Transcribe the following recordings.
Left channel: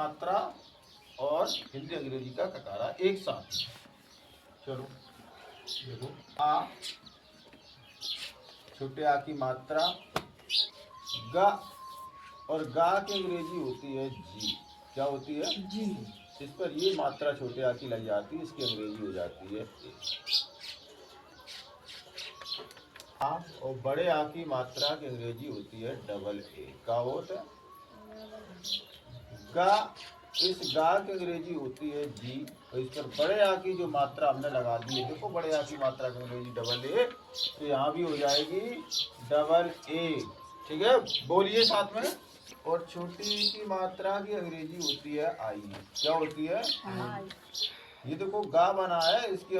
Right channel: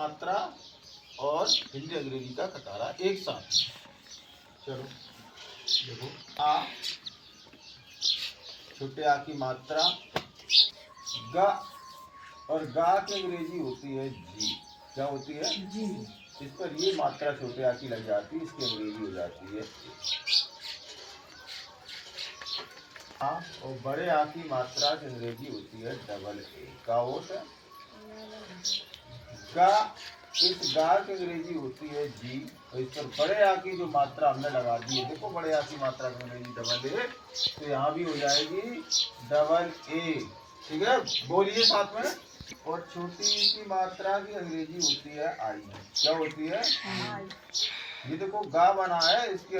मात्रा और हिंदी अंग्रेजी का कटारा एक साथ। चलो देखो, आ, छोटे आ की मात्रा, गा, और गा की अंग्रेजी होती है जी। क्या होती है? जी। इस पर ये मात्रा छोटे आ की लग जाती है, इसकी अंग्रेजी हो जाती है ए। आ और बड़े आ की मात्रा की अंग्रेजी होती है डबल ए। का होता है गा, इस गा की अंग्रेजी होती है जी, और इस पर बड़े आ की जो मात्रा हमने लगा दी है, देखो बड़े आ की मात्रा की अंग्रेजी डबल ए, तो यहाँ भी हो जाएगी डबल ए। ठीक है, बोलिए साथ में। और छोटी ई की मात्रा की अंग्रेजी होती है आई। क्या होती है? आई। ये देखो गा बना है, इसकी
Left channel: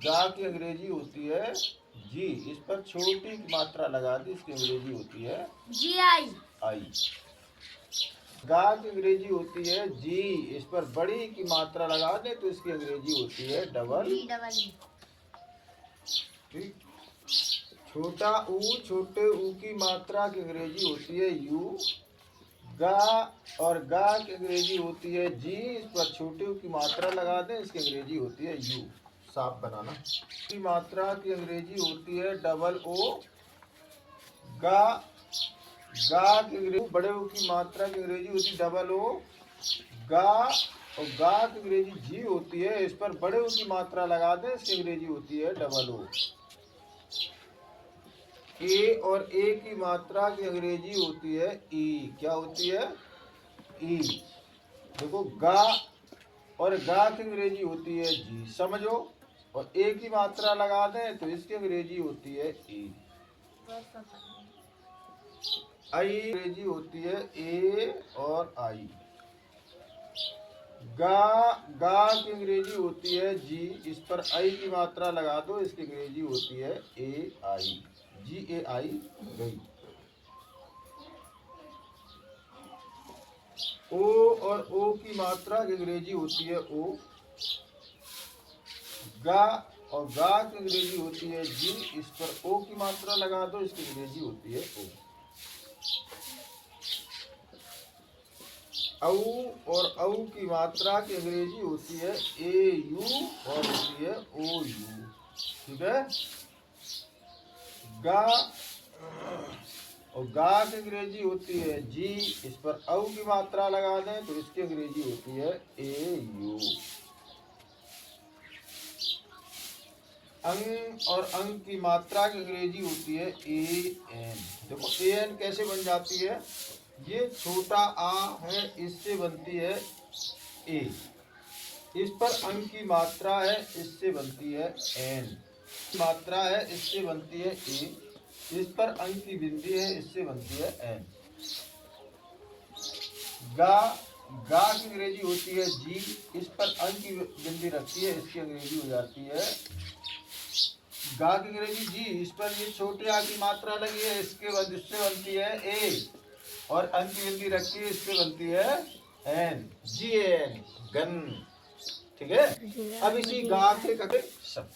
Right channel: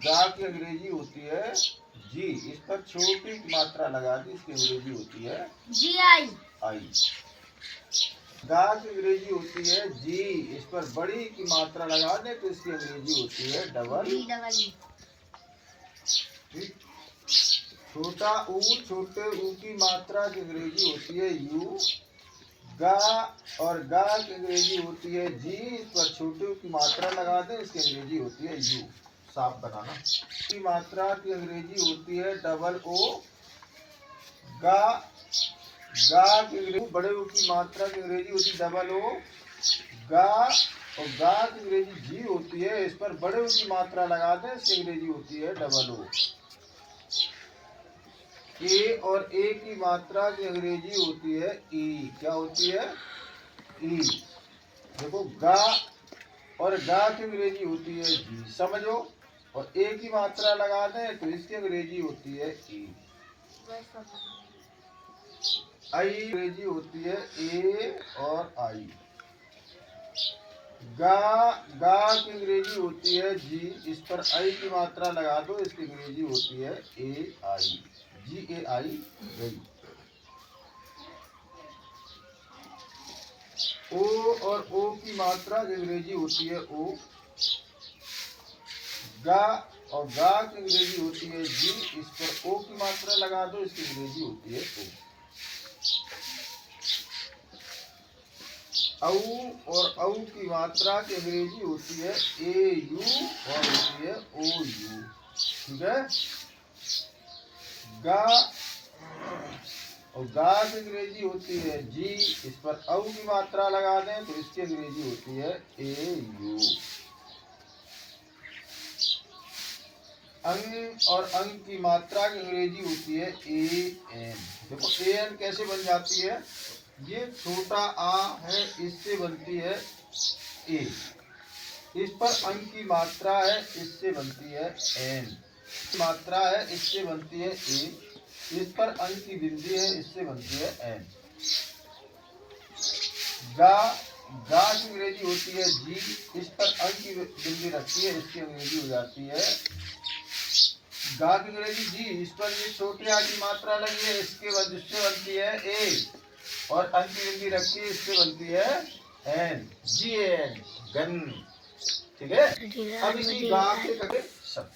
गा की अंग्रेजी होती है जी, इस पर छोटी की मात्रा लगा दी, इसकी अंग्रेजी होती है जी आई। आई। गा की अंग्रेजी होती है जी, इस पर बड़ी की मात्रा लगा दे तो इसकी अंग्रेजी होती है डबल। छोटा ऊ, छोटे ऊ की मात्रा की अंग्रेजी होती है यू। गा और गा की अंग्रेजी होती है जी, इस पर छोटे ऊ की मात्रा लगा दे, इसकी अंग्रेजी होती है यू। साफ बनाना। की मात्रा की अंग्रेजी होती है डबल ओ। गा, गा की अंग्रेजी, बड़े ओ की मात्रा की अंग्रेजी होती है डबल ओ। गा और गा की अंग्रेजी जी होती है, इस पर बड़े ओ की मात्रा लगा दें, इसकी अंग्रेजी होती है डबल ओ। ए और ए की मात्रा की अंग्रेजी होती है ई। क्या होती है? ई। देखो गा और गा की अंग्रेजी होती है जी, समझो, और ए की मात्रा लगा दें तो इसकी अंग्रेजी होती है ई। आई अंग्रेजी होती है ए और आई। गा, गा की अंग्रेजी होती है जी, इस पर आई की मात्रा लगा दो, इसकी अंग्रेजी होती है ए आई। जी ए आई गई। ओ और ओ की मात्रा की अंग्रेजी होती है ओ। गा और गा की अंग्रेजी होती है जी, इस पर ओ की मात्रा लगा दो, इसकी अंग्रेजी होती है ओ। औ और औ की मात्रा की अंग्रेजी होती है ए यू और होती है ओ यू। ठीक है, गा और गा की अंग्रेजी होती है जी, इस पर औ की मात्रा लगा दें तो इसकी अंग्रेजी होती है ए यू। अंग और अंग की मात्रा की अंग्रेजी होती है ए एन। देखो ए एन कैसे बन जाती है? ये छोटा आ है, इससे बनती है ए, इस पर अंग की मात्रा है, इससे बनती है एन। मात्रा है, इससे बनती है ए, इस पर अंग की बिंदी है, इससे बनती है एन। गा, गा की अंग्रेजी होती है जी, इस पर अंग की बिंदी रखती है, इसकी अंग्रेजी हो जाती है गा की अंग्रेजी जी, इस पर ये छोटे आ की मात्रा लगी है, इसके बाद इससे बनती है ए, और अंक की बिंदी रखी है, इससे बनती है एन। G N, gun. ठीक है, अब इसी गा के कटे शब्द।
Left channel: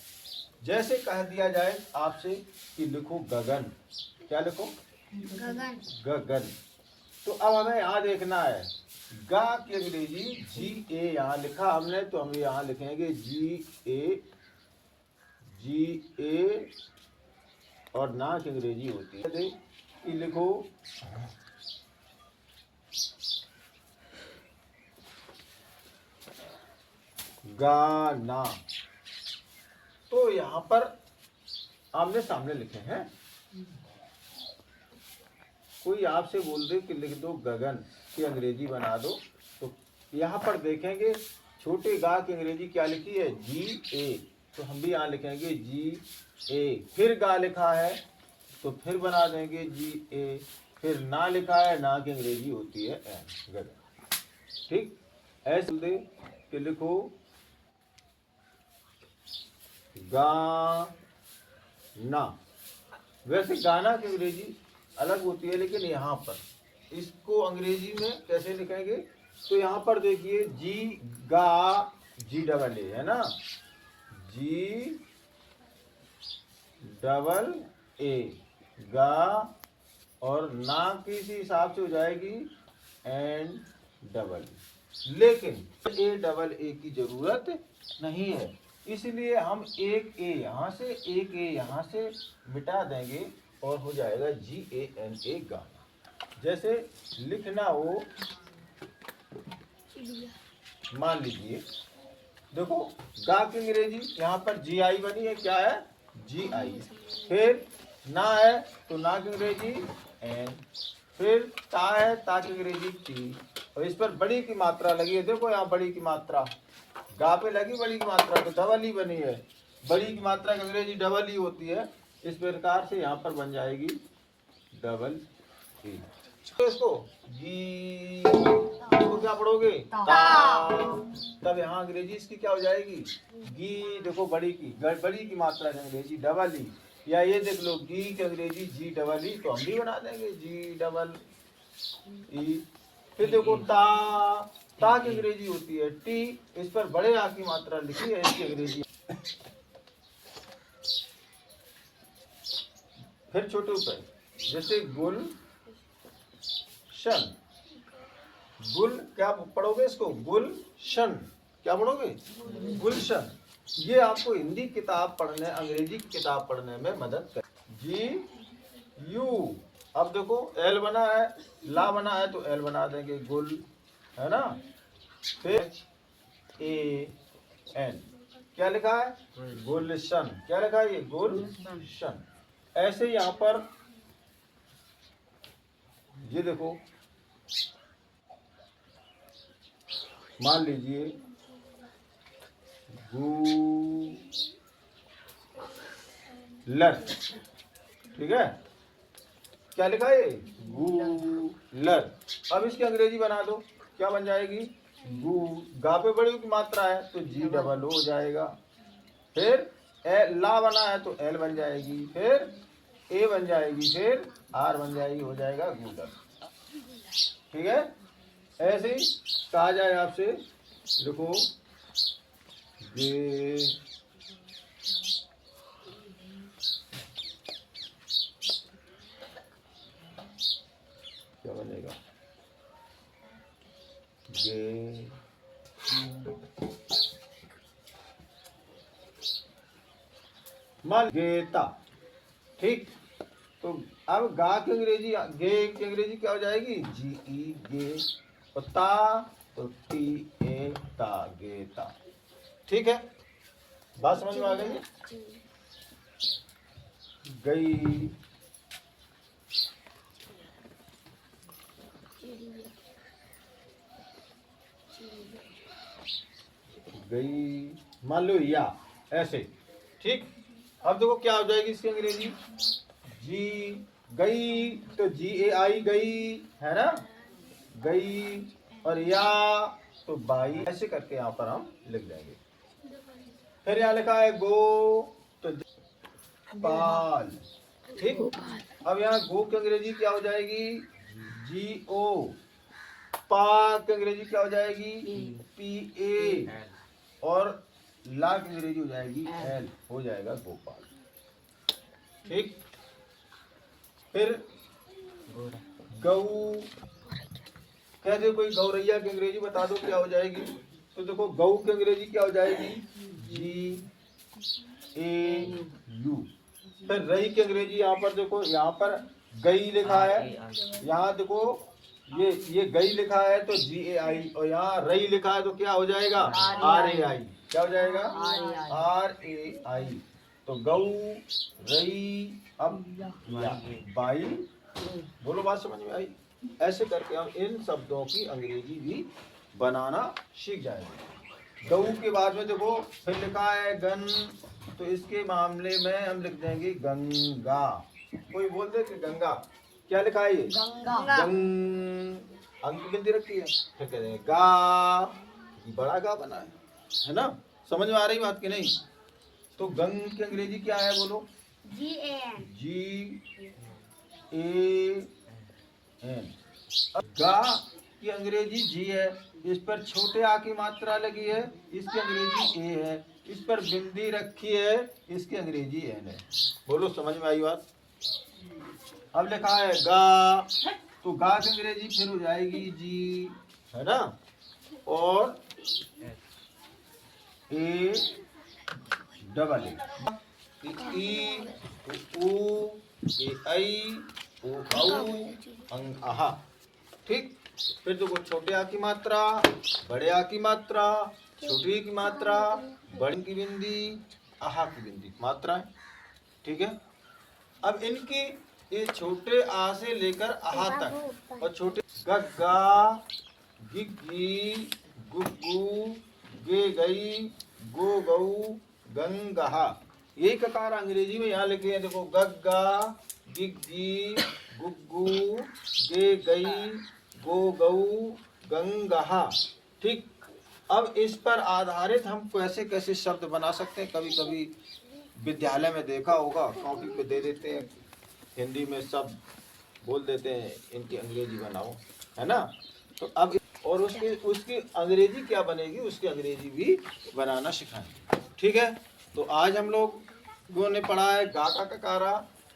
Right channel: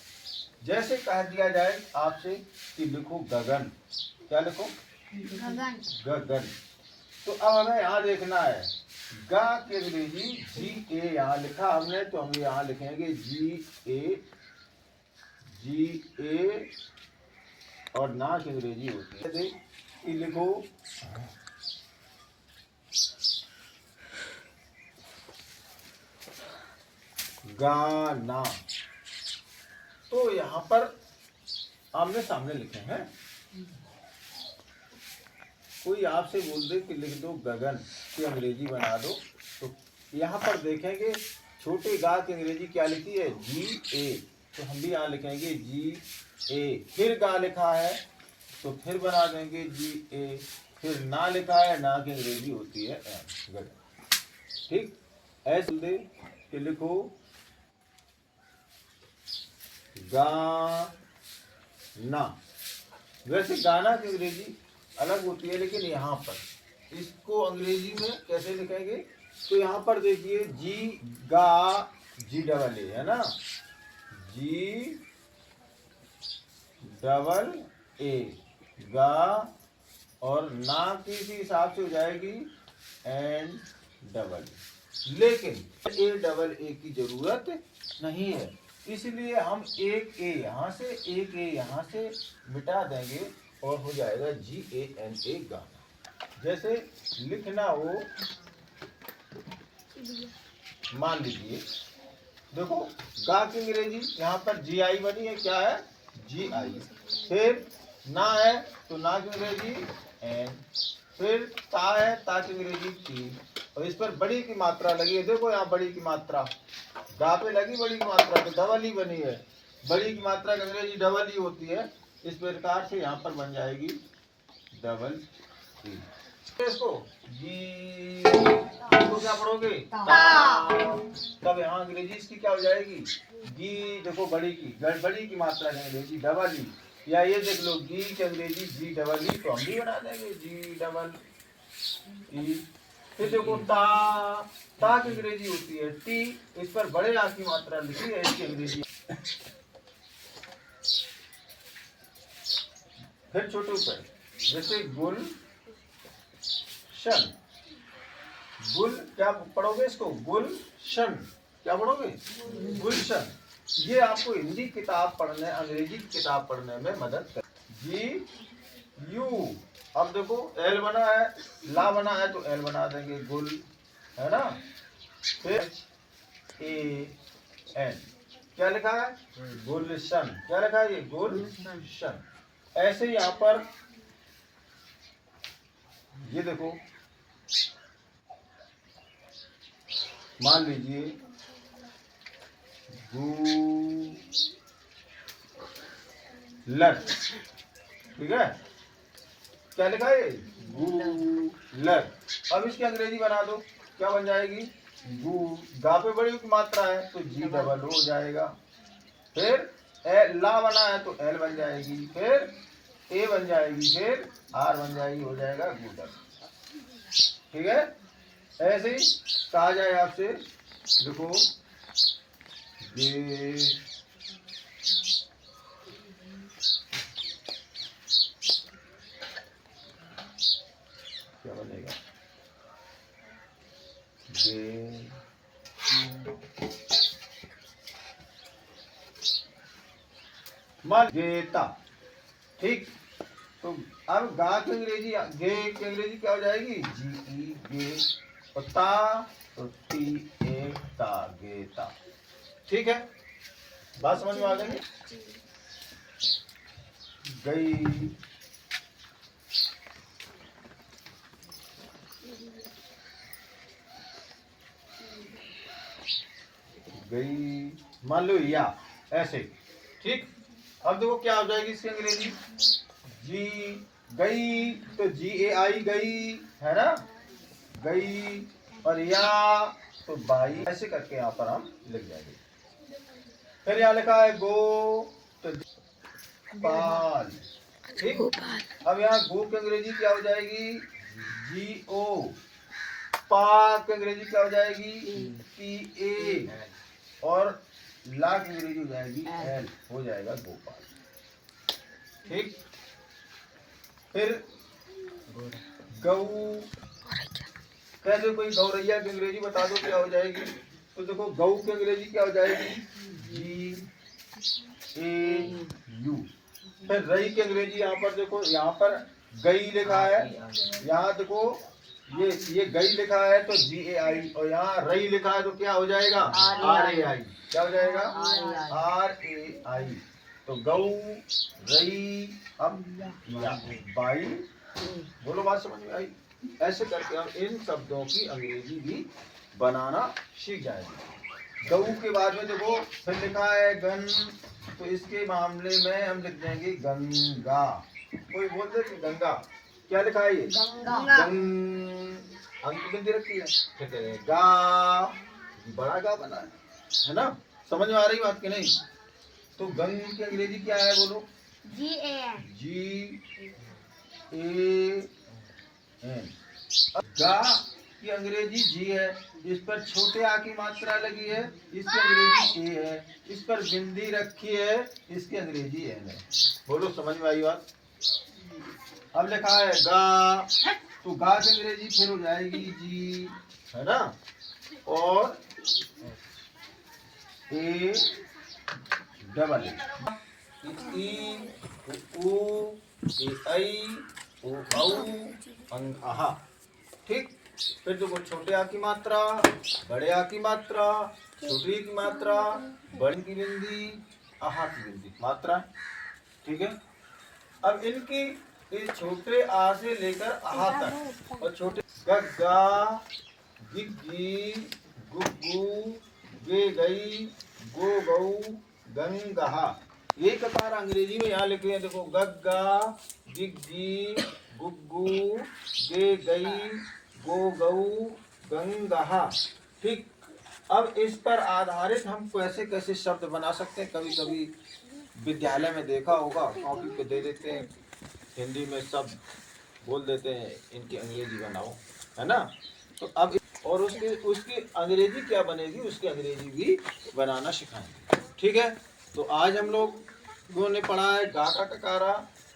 जैसे कह दिया जाए आपसे कि लिखो गगन। क्या लिखो? गगन। गगन। तो अब हमें यहाँ देखना है, गा की अंग्रेजी जी ए यहाँ लिखा हमने, तो हम यहाँ लिखेंगे जी ए, जी ए, और ना की अंग्रेजी होती है कि लिखो गाना। तो यहाँ पर आमने सामने लिखे हैं। कोई आपसे बोल दे कि लिख दो गगन की अंग्रेजी बना दो, तो यहाँ पर देखेंगे छोटे गा की अंग्रेजी क्या लिखी है? जी ए, तो हम भी यहाँ लिखेंगे जी ए। फिर गा लिखा है तो फिर बना देंगे जी ए। फिर ना लिखा है, ना की अंग्रेजी होती है एन, गगन। ठीक, ऐसे बोल दे कि लिखो गाना। वैसे गाना की अंग्रेजी अलग होती है, लेकिन यहाँ पर इसको अंग्रेजी में कैसे लिखेंगे? तो यहाँ पर देखिए जी गा, जी डबल ए है ना, जी डबल ए, गा, और ना की हिसाब से हो जाएगी एंड डबल लेकिन ए डबल ए की जरूरत नहीं है, इसलिए हम एक ए यहाँ से एक ए यहाँ से मिटा देंगे और हो जाएगा GANA गाना। जैसे लिखना हो, मान लीजिए देखो गा की अंग्रेजी यहाँ पर GI बनी है, क्या है GI, फिर ना है तो ना की अंग्रेजी N, फिर ता है ता की अंग्रेजी T, और इस पर बड़ी की मात्रा लगी है, देखो यहाँ बड़ी की मात्रा गा पे लगी बड़ी की मात्रा तो डबल ही बनी है, बड़ी की मात्रा की अंग्रेजी डबल ही होती है, इस प्रकार से यहाँ पर बन जाएगी डबल ई। इसको जी इसको क्या पढ़ोगे ता, तब यहाँ अंग्रेजी इसकी क्या हो जाएगी गी, देखो बड़ी की मात्रा की अंग्रेजी डबल ई, या ये देख लो गी की अंग्रेजी जी डबल ई, तो हम भी बना देंगे जी डबल ई। फिर देखो ता की अंग्रेजी होती है टी, इस पर बड़े आ की मात्रा लिखी है, इसकी अंग्रेजी। फिर छोटे ऊपर जैसे गुलशन, गुल क्या पढ़ोगे इसको गुलशन, क्या पढ़ोगे गुलशन, ये आपको हिंदी किताब पढ़ने अंग्रेजी की किताब पढ़ने में मदद कर। GU, अब देखो L बना है ला बना है तो L बना देंगे गुल, है ना, फिर AN क्या लिखा है गुलशन, क्या लिखा है ये गुलशन। ऐसे यहाँ पर ये देखो मान लीजिए गूलर, ठीक है, क्या लिखा है गूलर, अब इसकी अंग्रेजी बना दो, क्या बन जाएगी गू, गा पे बड़ी की मात्रा है तो जी डबल हो जाएगा, फिर ला बना है तो L बन जाएगी, फिर ए बन जाएगी, फिर आर बन जाएगी, हो जाएगा गूलर, ठीक है। ऐसे ही कहा जाए आपसे, देखो गे क्या बनेगा गे, मान गेता, ठीक, तो अब गा की अंग्रेजी गे की अंग्रेजी क्या हो जाएगी GE गे, और ता तो TA ता गेता, ठीक है, बात समझ में आ गई। गई गई, मान लो या ऐसे, ठीक, अब देखो क्या हो जाएगी इसकी अंग्रेजी जी गई तो GAI गई, है ना, गई, और या तो बाई, ऐसे करके यहाँ पर हम लिख देंगे। फिर यहाँ लिखा है गो तो पाल, ठीक, अब यहाँ गो की अंग्रेजी क्या हो जाएगी GO, पा की अंग्रेजी क्या हो जाएगी PA, और ला की अंग्रेजी हो जाएगी L, हो जाएगा गोपाल, ठीक। फिर गऊ, कहते कोई गौरैया की अंग्रेजी बता दो क्या हो जाएगी, तो देखो गऊ की अंग्रेजी क्या हो जाएगी GAU, फिर रई की अंग्रेजी यहाँ पर देखो, यहाँ पर गई लिखा है, यहाँ देखो ये गई लिखा है तो GAI, और यहाँ रई लिखा है तो क्या हो जाएगा RAI, क्या हो जाएगा RAI, तो गऊ रई, अब बाई, बोलो बात समझ में आई। ऐसे करके हम इन शब्दों की अंग्रेजी भी बनाना सीख जाएंगे। गऊ के बाद में देखो फिर लिखा है गन, तो इसके मामले में हम लिख देंगे गंगा, कोई बोल दे कि गंगा, क्या लिखा है ये गंग, अंक बिंदी रखी है, फिर कह देंगे गा, बड़ा गा बना है ना, समझ में आ रही बात की नहीं। तो गंग की अंग्रेजी क्या है बोलो GAN, गा की अंग्रेजी जी है, इस पर छोटे आ की मात्रा लगी है, इसकी अंग्रेजी ए है, इस पर बिंदी रखी है, इसकी अंग्रेजी एन है, बोलो समझ में आई बात। अब लिखा है गा, तो गा की अंग्रेजी फिर हो जाएगी जी, है ना, और ए डबल ई उ ए ऐ ओ औ अंग आहा। ठीक, फिर देखो छोटे आ की मात्रा, बड़े आ की मात्रा, छोटी की मात्रा, बड़ी की बिंदी, आहा की बिंदी मात्रा। ठीक है, अब इनकी ये छोटे आ से लेकर आहा तक, और छोटे गग्गा, गिग्गी, गुग्गू, गे गई, गो गऊ, गंगहा, यही ककार अंग्रेजी में यहाँ लिखे हैं। देखो गग्गा, गिग्गी, गुग्गू, गे गई, गो गऊ, गंगहा। ठीक, अब इस पर आधारित हम कैसे कैसे शब्द बना सकते हैं। कभी कभी विद्यालय में देखा होगा, कॉपी पे दे देते हैं, हिंदी में सब बोल देते हैं, इनकी अंग्रेजी बनाओ, है ना। तो अब और उसकी अंग्रेजी क्या बनेगी, उसकी अंग्रेजी भी बनाना सिखाएंगे। ठीक है, तो आज हम लोगों ने पढ़ा है गा का ककारा,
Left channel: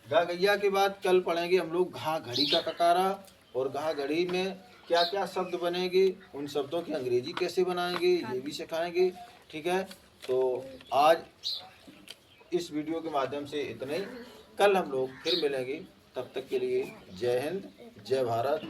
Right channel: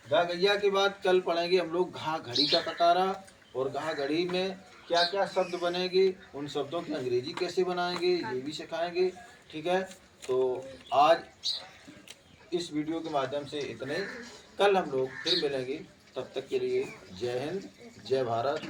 गा गैया के बाद कल पढ़ेंगे हम लोग घा घड़ी का ककारा, और घा घड़ी में क्या क्या शब्द बनेंगे, उन शब्दों की अंग्रेजी कैसे बनाएंगे, ये भी सिखाएंगे। ठीक है, तो आज इस वीडियो के माध्यम से इतने, कल हम लोग फिर मिलेंगे। तब तक के लिए जय हिंद, जय भारत।